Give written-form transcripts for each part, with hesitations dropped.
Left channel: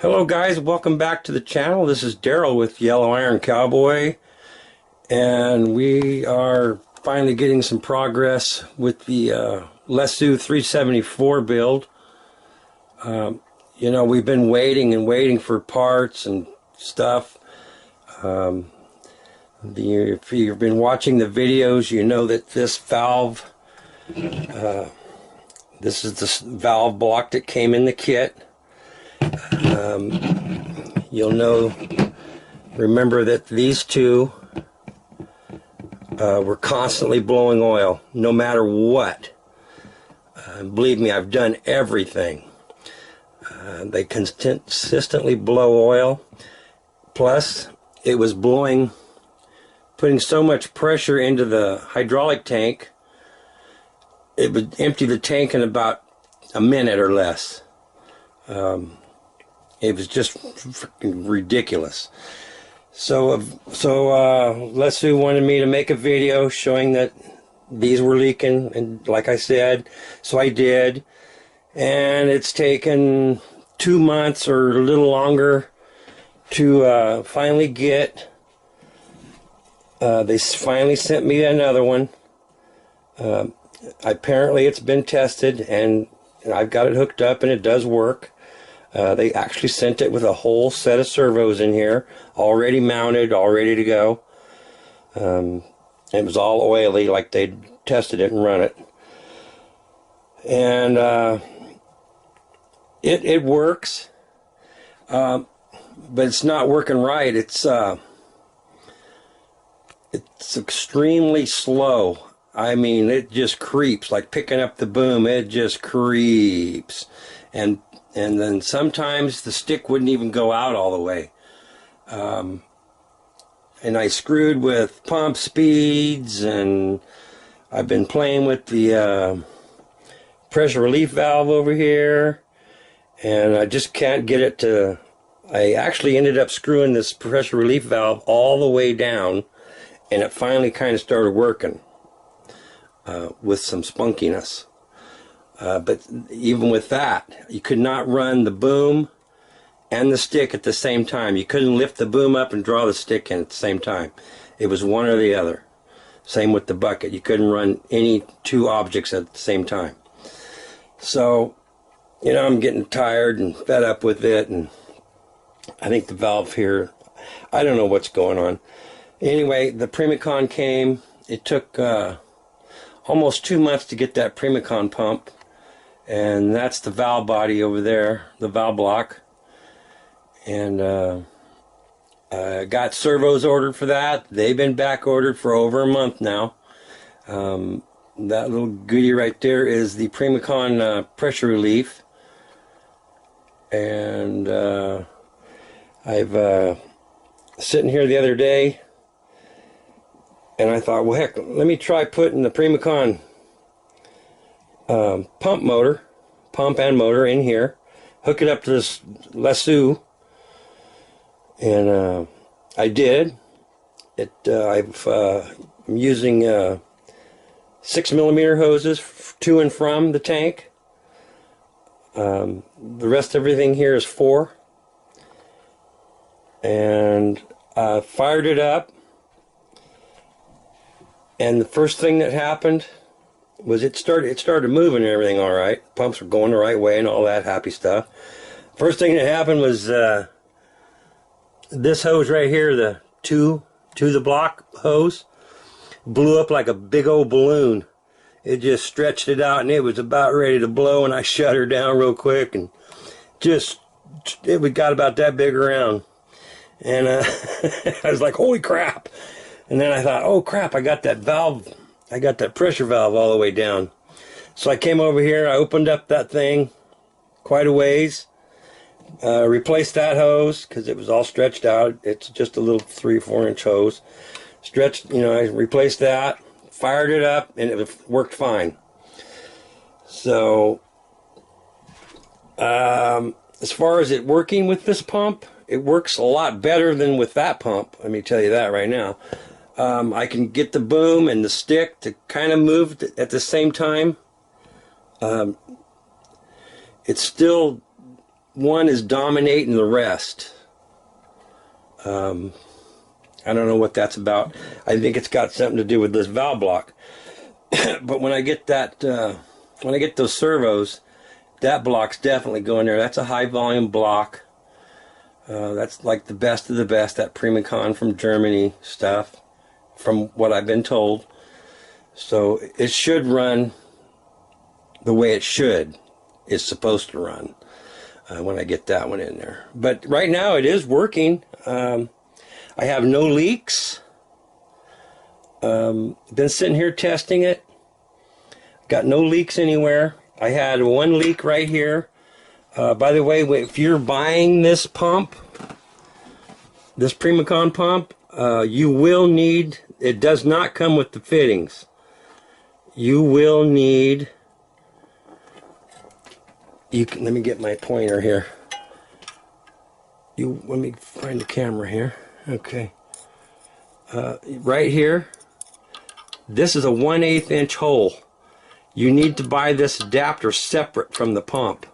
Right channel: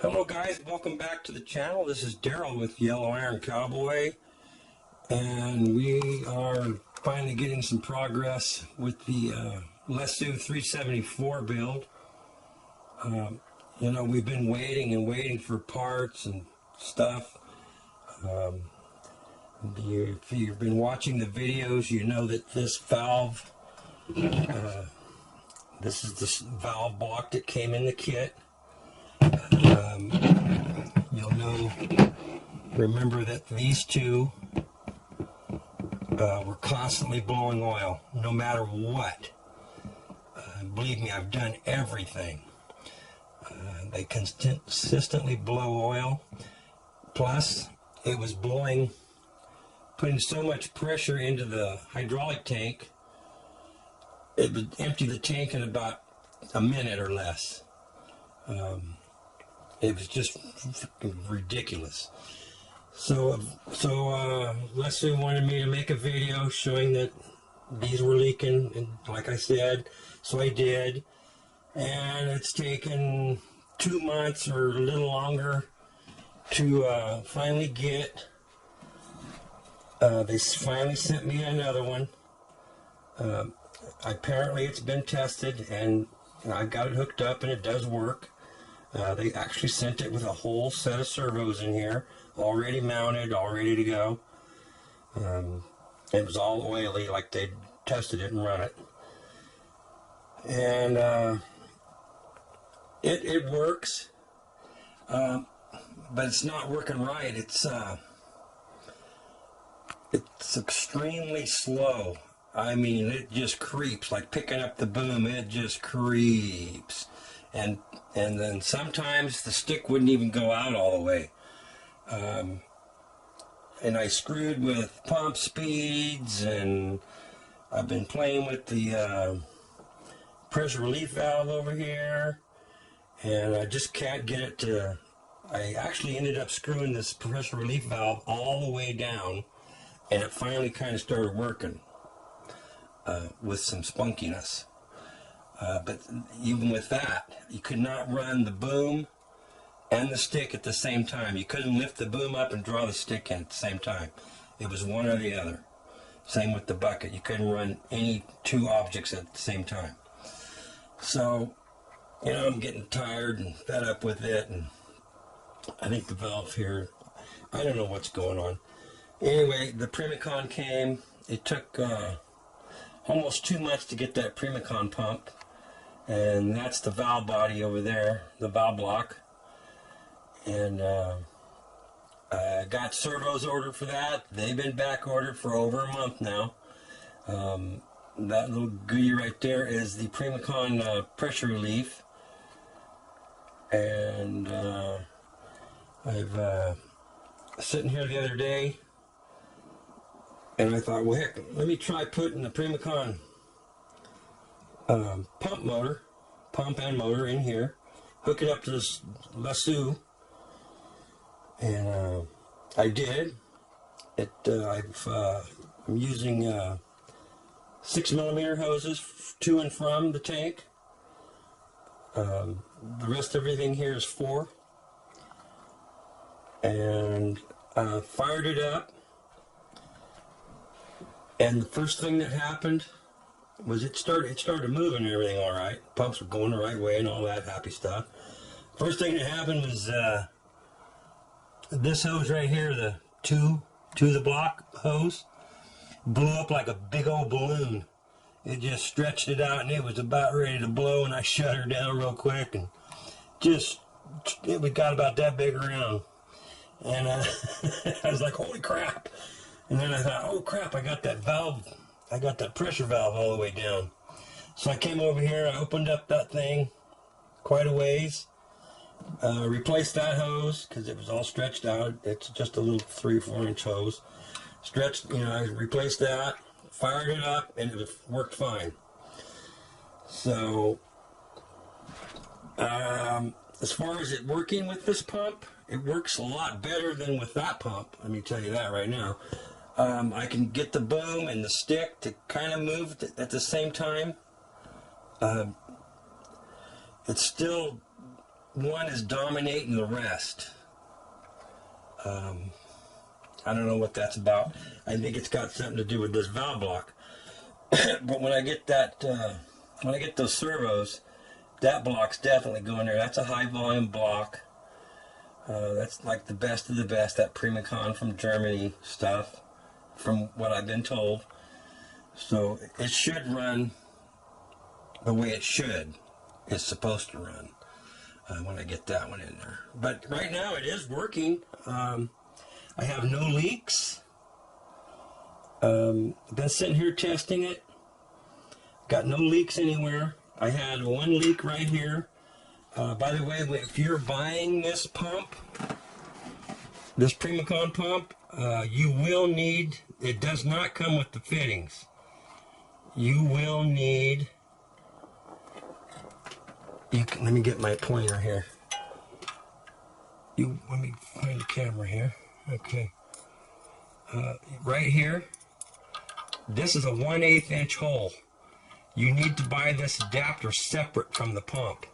Hello guys, welcome back to the channel. This is Daryl with Yellow Iron Cowboy, and we are finally getting some progress with the lesu 374 build. You know, we've been waiting and waiting for parts and stuff. If you've been watching the videos, you know that this valve, this is the valve block that came in the kit. You'll remember that these two were constantly blowing oil, no matter what. Believe me, I've done everything. They consistently blow oil. Plus, it was putting so much pressure into the hydraulic tank, it would empty the tank in about a minute or less. It was just freaking ridiculous. So lesu wanted me to make a video showing that these were leaking, and like I said, so I did. And it's taken 2 months or a little longer to finally get. They finally sent me another one. Apparently it's been tested, and I've got it hooked up, and it does work. They actually sent it with a whole set of servos in here, already mounted, all ready to go. It was all oily, like they'd tested it and run it. And it works, but it's not working right. It's extremely slow. I mean, it just creeps, like picking up the boom. It just creeps. And then sometimes the stick wouldn't even go out all the way. And I screwed with pump speeds, and I've been playing with the pressure relief valve over here, and I just can't get it to. I actually ended up screwing this pressure relief valve all the way down, and it finally kind of started working with some spunkiness. But even with that, you could not run the boom and the stick at the same time. You couldn't lift the boom up and draw the stick in at the same time. It was one or the other. Same with the bucket. You couldn't run any two objects at the same time. So, you know, I'm getting tired and fed up with it, and I think the valve here, I don't know what's going on. Anyway, the Primacon came. It took almost 2 months to get that Primacon pump. And that's the valve body over there, the valve block. And I got servos ordered for that. They've been back ordered for over a month now. That little goodie right there is the Primacon pressure relief. And I've sitting here the other day, and I thought, well, heck, let me try putting the Primacon pump and motor in here, hook it up to this lesu, and I did it. I'm using 6mm hoses to and from the tank. The rest of everything here is 4, and fired it up, and the first thing that happened was it started moving and everything all right. Pumps were going the right way and all that happy stuff. First thing that happened was this hose right here, the to the block hose, blew up like a big old balloon. It just stretched it out, and it was about ready to blow, and I shut her down real quick, and it got about that big around. And I was like, holy crap. And then I thought, oh crap, I got that valve. I got that pressure valve all the way down. So I came over here, I opened up that thing quite a ways, replaced that hose because it was all stretched out. It's just a little 3 or 4 inch hose. Stretched, you know, I replaced that, fired it up, and it worked fine. So, as far as it working with this pump, it works a lot better than with that pump. Let me tell you that right now. I can get the boom and the stick to kind of move at the same time. It's still one is dominating the rest. I don't know what that's about. I think it's got something to do with this valve block. But when I get that, when I get those servos, that block's definitely going there. That's a high volume block. That's like the best of the best, that Primacon from Germany stuff, from what I've been told. So it should run the way it should. It's supposed to run when I get that one in there. But right now it is working. I have no leaks. Been sitting here testing it. Got no leaks anywhere. I had one leak right here. By the way, if you're buying this pump, this Primacon pump, you will need, it does not come with the fittings. You will need, let me get my pointer here. Let me find the camera here. Okay. Right here, this is a 1/8 inch hole. You need to buy this adapter separate from the pump.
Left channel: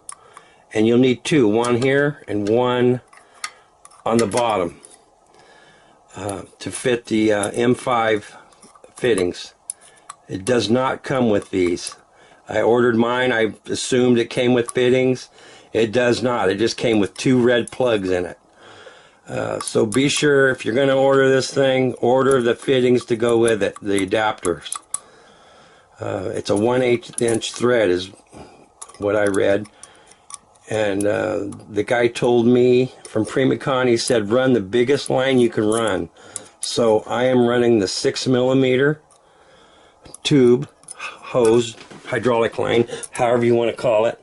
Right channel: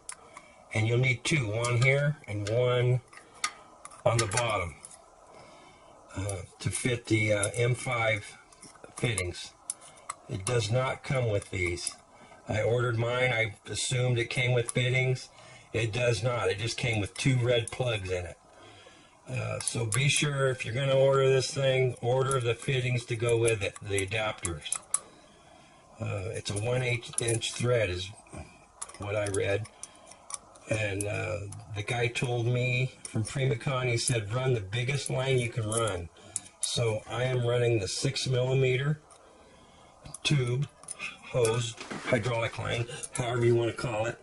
And you'll need two, one here and one on the bottom to fit the M5 fittings. It does not come with these. I ordered mine. I assumed it came with fittings. It does not. It just came with two red plugs in it. So be sure, if you're going to order this thing, order the fittings to go with it, the adapters. It's a 1/8 inch thread is what I read. And the guy told me from Primacon, he said, run the biggest line you can run. So I am running the 6mm tube, hose, hydraulic line, however you want to call it.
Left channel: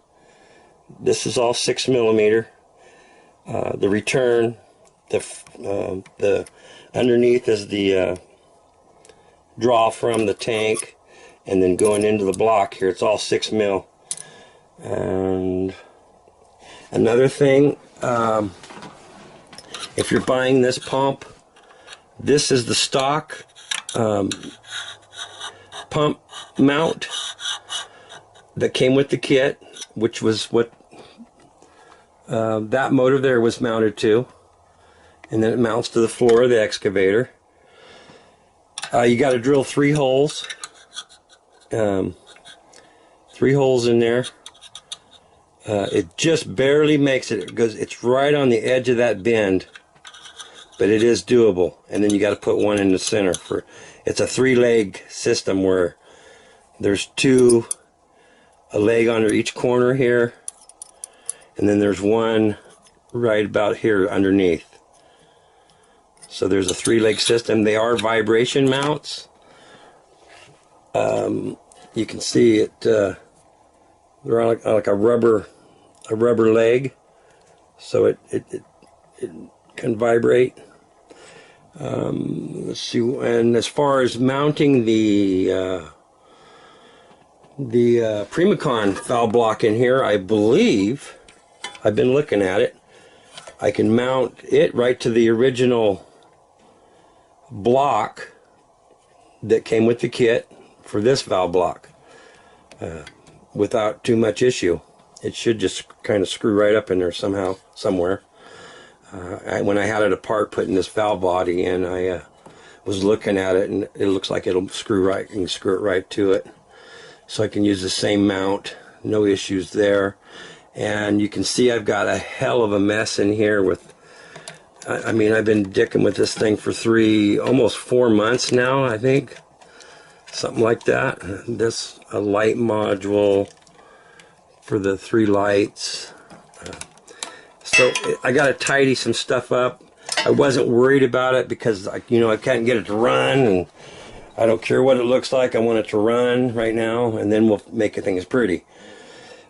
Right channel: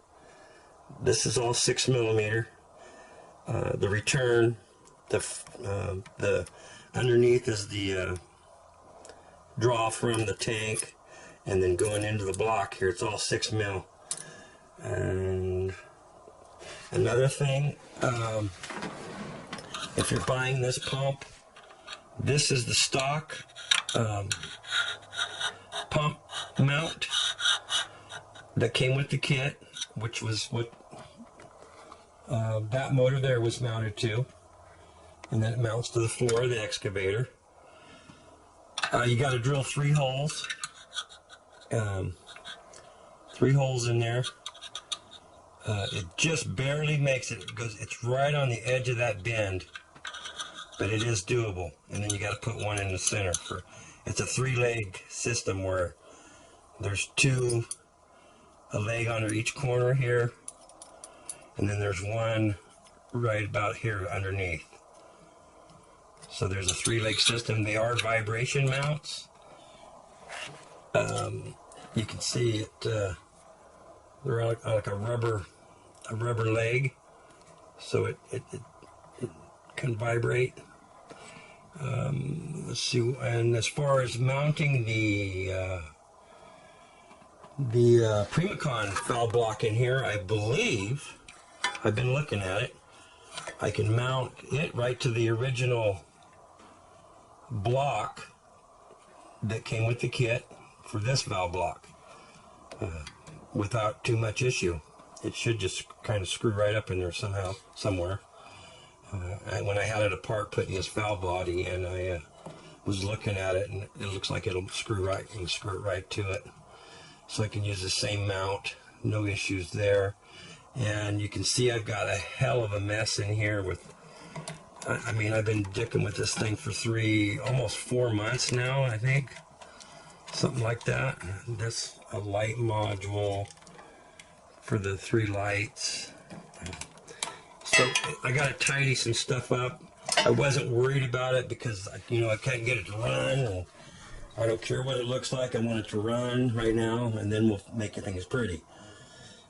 This is all 6mm. The return, the underneath is the draw from the tank, and then going into the block here, it's all 6mm. And another thing, if you're buying this pump, this is the stock pump mount that came with the kit, which was what that motor there was mounted to, and then it mounts to the floor of the excavator. You got to drill 3 holes, 3 holes in there. It just barely makes it because it's right on the edge of that bend, but it is doable. And then you got to put one in the center. It's a 3-leg system where there's a leg under each corner here, and then there's one right about here underneath. So there's a 3-leg system. They are vibration mounts. You can see it. They're on like a rubber leg, so it can vibrate. Let's see. And as far as mounting the Primacon valve block in here, I believe, I've been looking at it, I can mount it right to the original block that came with the kit for this valve block without too much issue. It should just kind of screw right up in there somehow, somewhere. When I had it apart putting this valve body in, I was looking at it, and it looks like it'll screw right, and screw it right to it. So I can use the same mount, no issues there. And you can see I've got a hell of a mess in here with, I mean, I've been dicking with this thing for almost 4 months now, I think. Something like that. This, a light module for the 3 lights. So I got to tidy some stuff up. I wasn't worried about it because, I can't get it to run, and I don't care what it looks like. I want it to run right now, and then we'll make things pretty.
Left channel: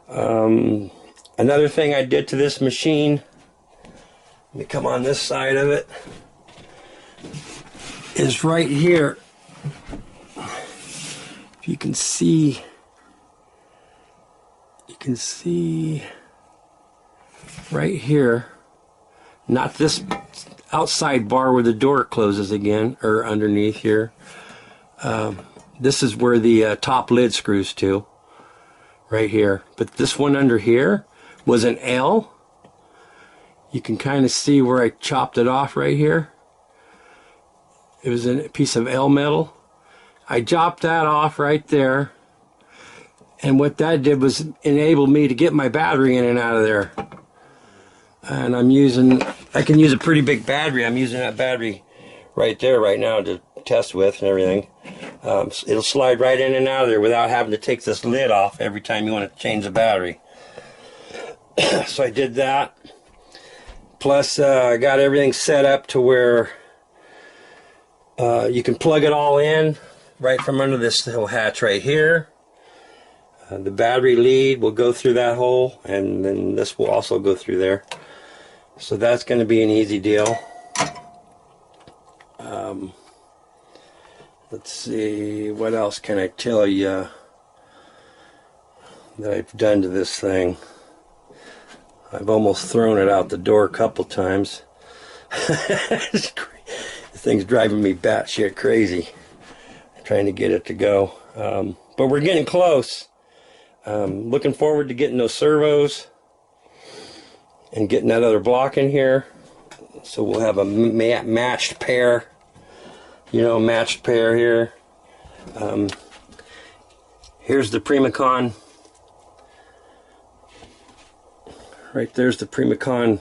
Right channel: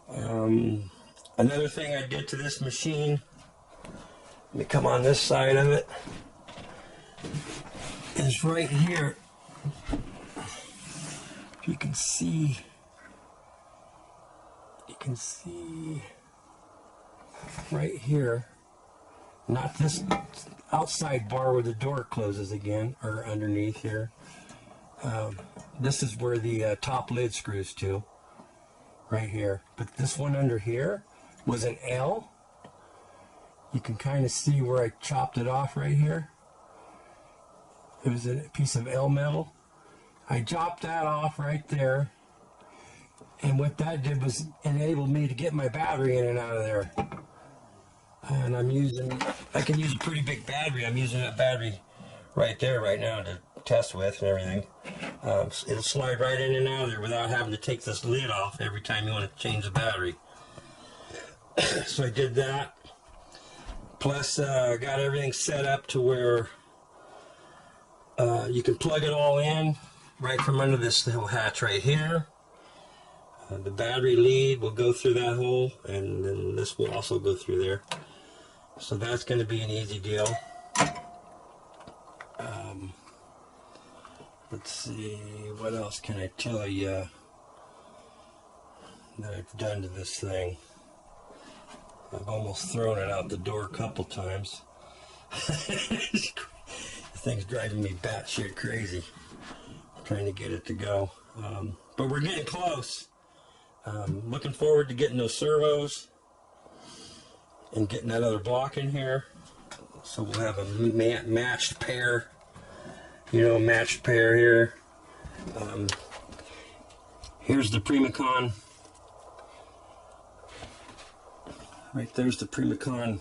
Another thing I did to this machine, let me come on this side of it, is right here. If you can see, right here, not this outside bar where the door closes again, or underneath here. This is where the top lid screws to, right here. But this one under here was an L, You can kind of see where I chopped it off right here. It was a piece of L metal. I chopped that off right there. And what that did was enable me to get my battery in and out of there. And I can use a pretty big battery. I'm using that battery right there right now to test with and everything. It'll slide right in and out of there without having to take this lid off every time you want to change the battery. So I did that. Plus I got everything set up to where you can plug it all in right from under this little hatch right here. The battery lead will go through that hole, and then this will also go through there. So that's going to be an easy deal. Let's see, what else can I tell you that I've done to this thing? I've almost thrown it out the door a couple times. The thing's driving me batshit crazy, trying to get it to go. But we're getting close. Looking forward to getting those servos and getting that other block in here. So we'll have a matched pair. You know, matched pair here. Here's the Primacon. Right there's the Primacon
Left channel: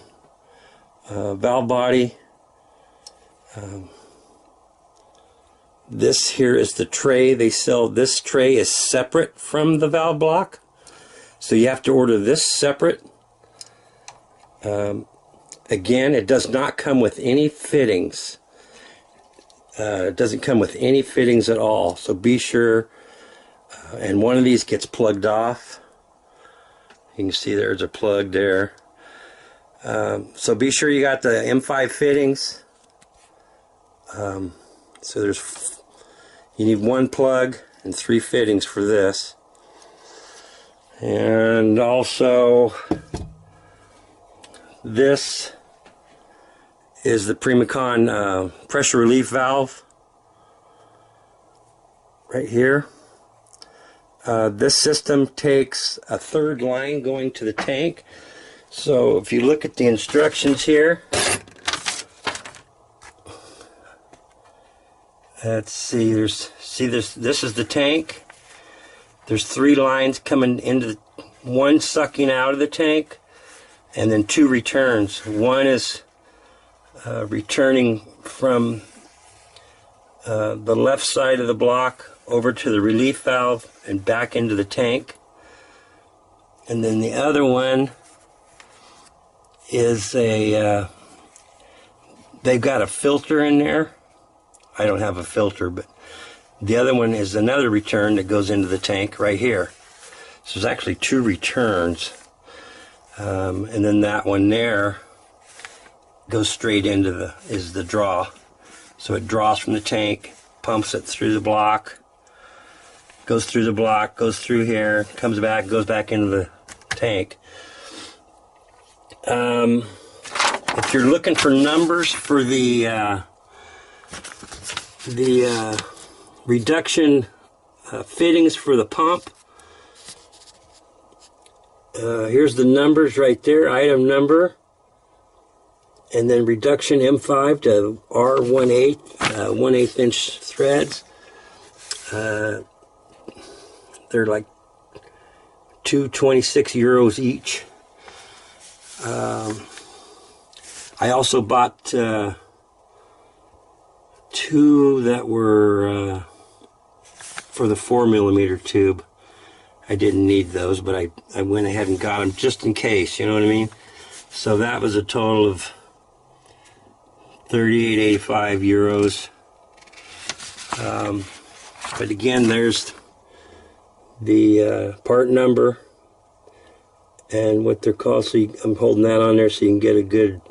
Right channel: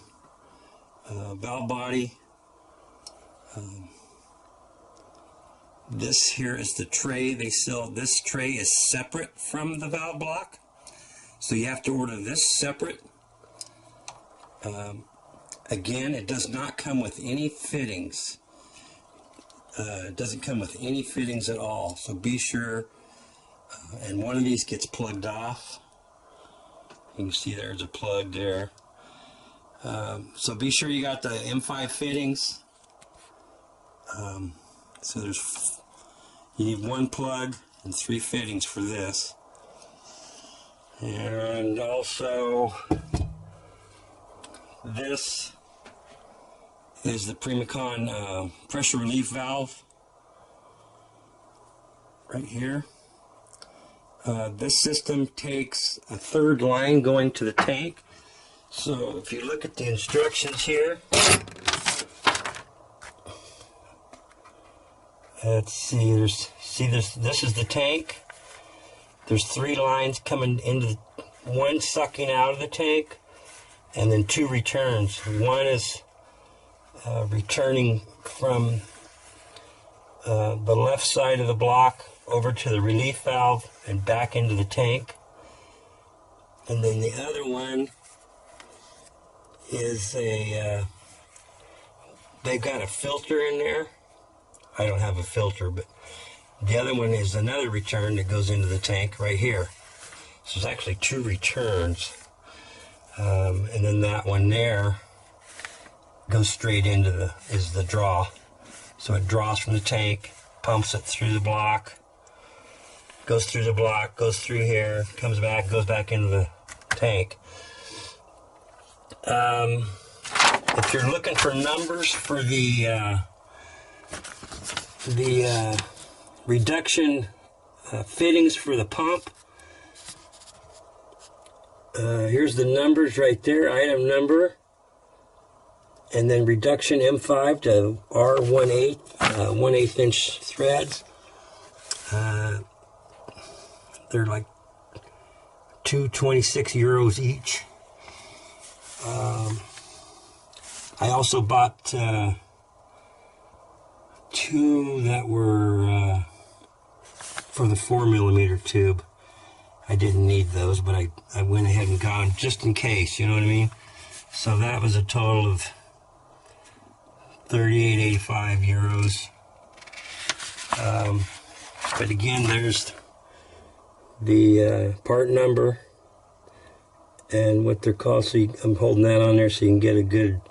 valve body. This here is the tray they sell. This tray is separate from the valve block, so you have to order this separate. Again, it does not come with any fittings. It doesn't come with any fittings at all, so be sure. And one of these gets plugged off. You can see there's a plug there. So be sure you got the M5 fittings. So you need one plug and 3 fittings for this. And also this is the Premacon pressure relief valve right here. This system takes a 3rd line going to the tank. So if you look at the instructions here, let's see, this is the tank. There's 3 lines coming into one sucking out of the tank, and then 2 returns. One is returning from the left side of the block over to the relief valve and back into the tank. And then the other one is they've got a filter in there. I don't have a filter, but the other one is another return that goes into the tank right here. So there's actually 2 returns. And then that one there goes straight into the draw. So it draws from the tank, pumps it through the block, goes through the block, goes through here, comes back, goes back into the tank. If you're looking for numbers for the reduction fittings for the pump, here's the numbers right there, item number, and then reduction M5 to R1/8, 1/8 inch threads. They're like €226 each. I also bought 2 that were for the 4mm tube. I didn't need those, but I went ahead and got them just in case, you know what I mean? So that was a total of €38.85. But again, there's the part number and what they're called. So I'm holding that on there so you can get a good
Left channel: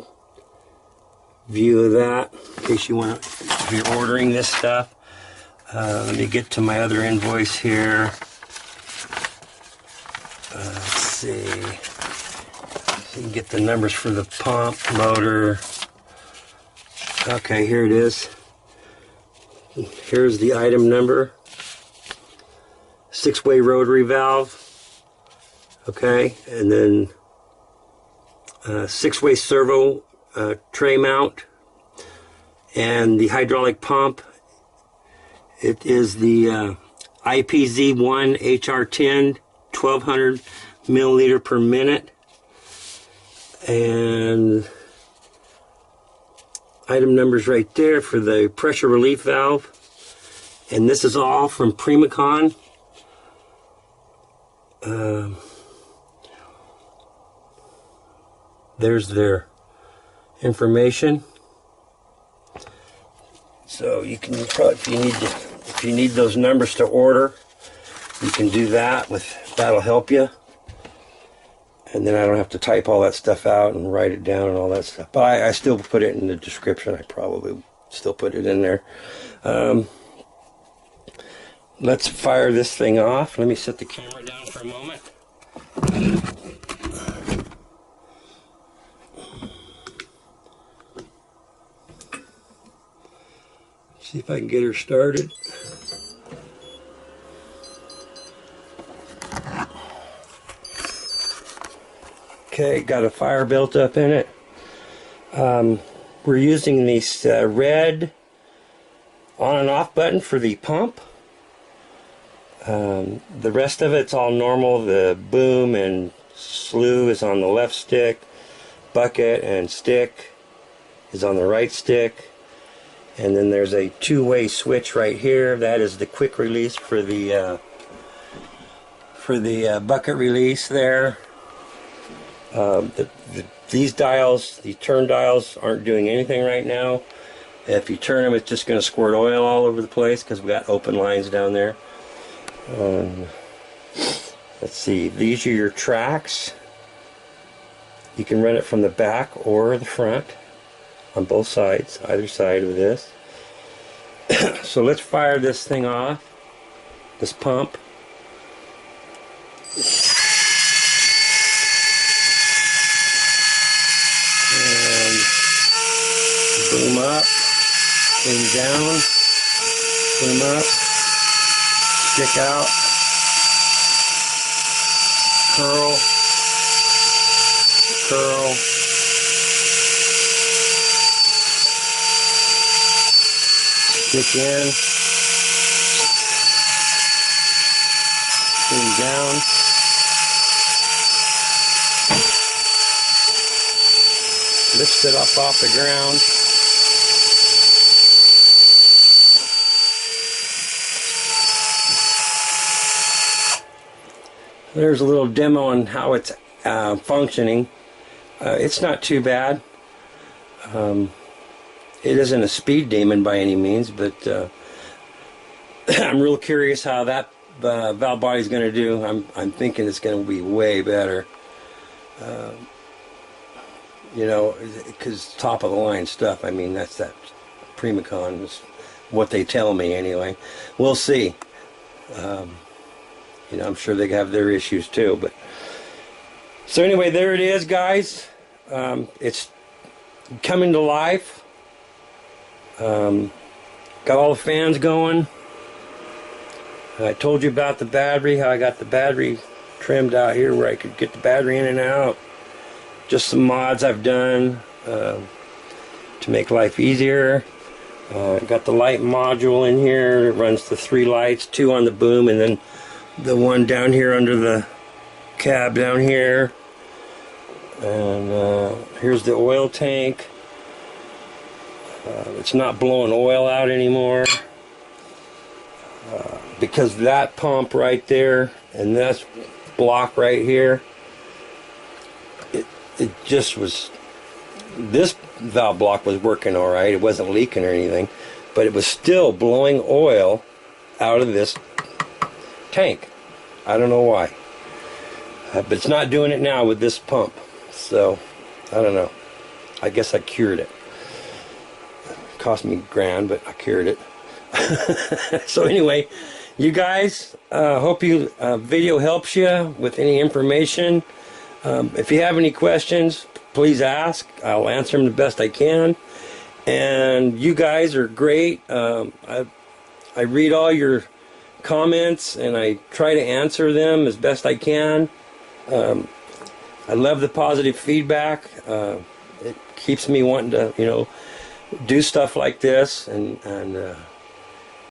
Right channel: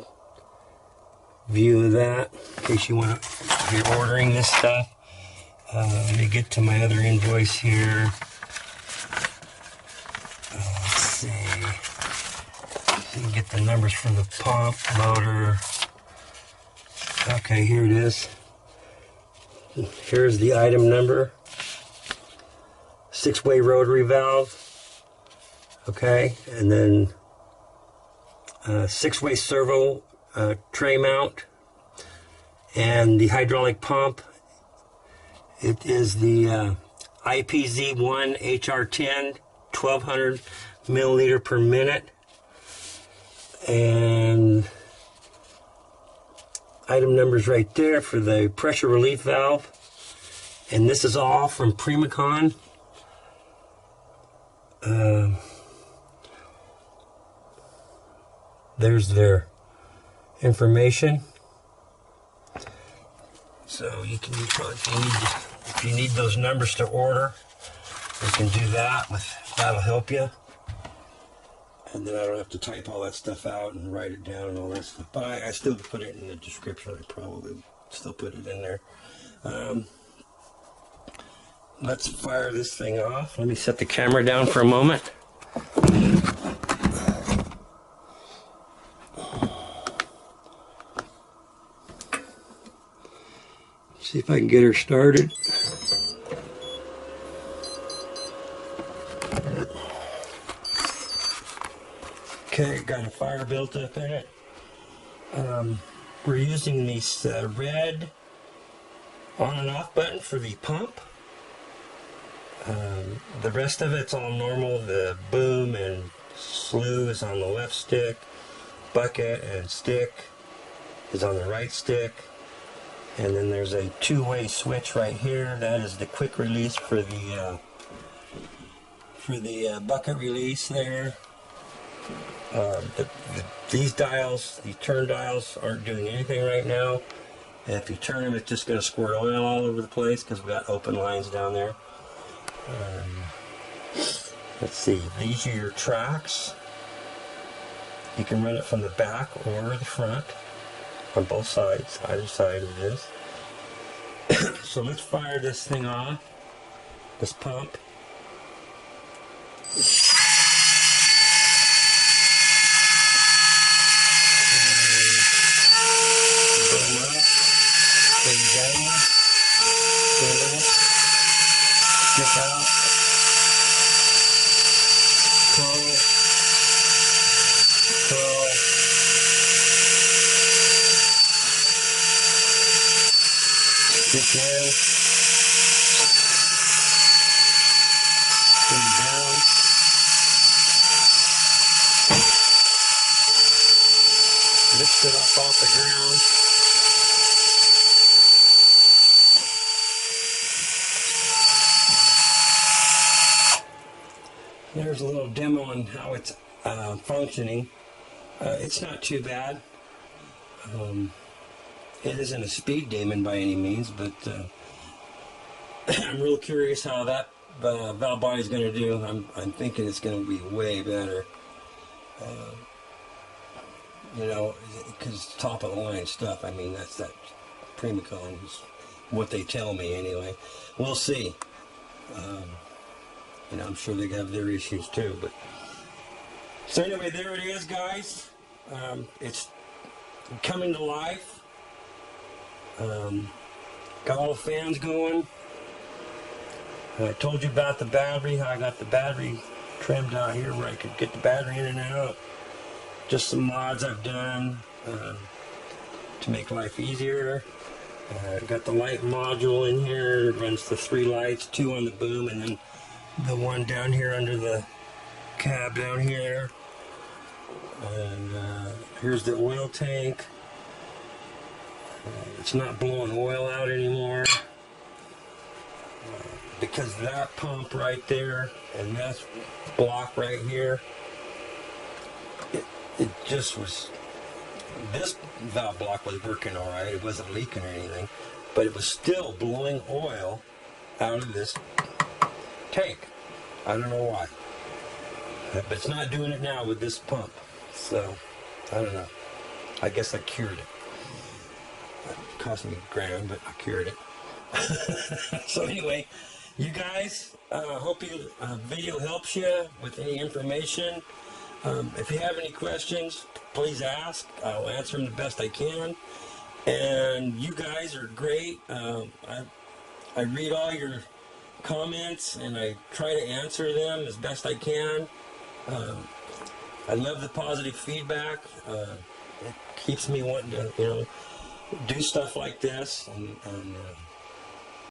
view of that in case you want to, if you're ordering this stuff. Let me get to my other invoice here. Let's see. So you can get the numbers for the pump, motor. Okay, here it is. Here's the item number. 6-way rotary valve. Okay, and then 6-way servo tray mount, and the hydraulic pump. It is the IPZ1 HR10, 1200 milliliter per minute, and item numbers right there for the pressure relief valve. And this is all from Primacon. There's their information. So you can probably, if you need those numbers to order, you can do that. That'll help you. And then I don't have to type all that stuff out and write it down and all that stuff. But I still put it in the description. I probably still put it in there. Let's fire this thing off. Let me set the camera down for a moment. See if I can get her started. Okay, got a fire built up in it. We're using this red on and off button for the pump. The rest of it's all normal. The boom and slew is on the left stick. Bucket and stick is on the right stick. And then there's a 2-way switch right here. That is the quick release for the bucket release there. These dials, the turn dials, aren't doing anything right now. If you turn them, it's just going to squirt oil all over the place because we got open lines down there. Let's see, these are your tracks. You can run it from the back or the front on both sides, either side of this. So let's fire this thing off, this pump. And boom up, boom down, boom up, stick out, curl, curl, stick in, boom down, lift it up off the ground. There's a little demo on how it's functioning. It's not too bad. It isn't a speed demon by any means, but I'm real curious how that valve body is going to do. I'm thinking it's going to be way better. You know, because top of the line stuff. I mean, that's that Primacon is what they tell me anyway. We'll see. You know, I'm sure they have their issues too. But so anyway, there it is, guys. It's coming to life. Got all the fans going. I told you about the battery, how I got the battery trimmed out here where I could get the battery in and out. Just some mods I've done to make life easier. Got the light module in here. It runs the 3 lights, 2 on the boom, and then the one down here under the cab down here. And here's the oil tank. It's not blowing oil out anymore because that pump right there and this block right here, it just was, this valve block was working all right. It wasn't leaking or anything, but it was still blowing oil out of this tank. I don't know why, but it's not doing it now with this pump. So I don't know. I guess I cured it. Cost me $1,000, but I cured it. So anyway, you guys, hope you video helps you with any information. If you have any questions, please ask. I'll answer them the best I can. And you guys are great. I read all your comments and I try to answer them as best I can. I love the positive feedback. It keeps me wanting to, do stuff like this, and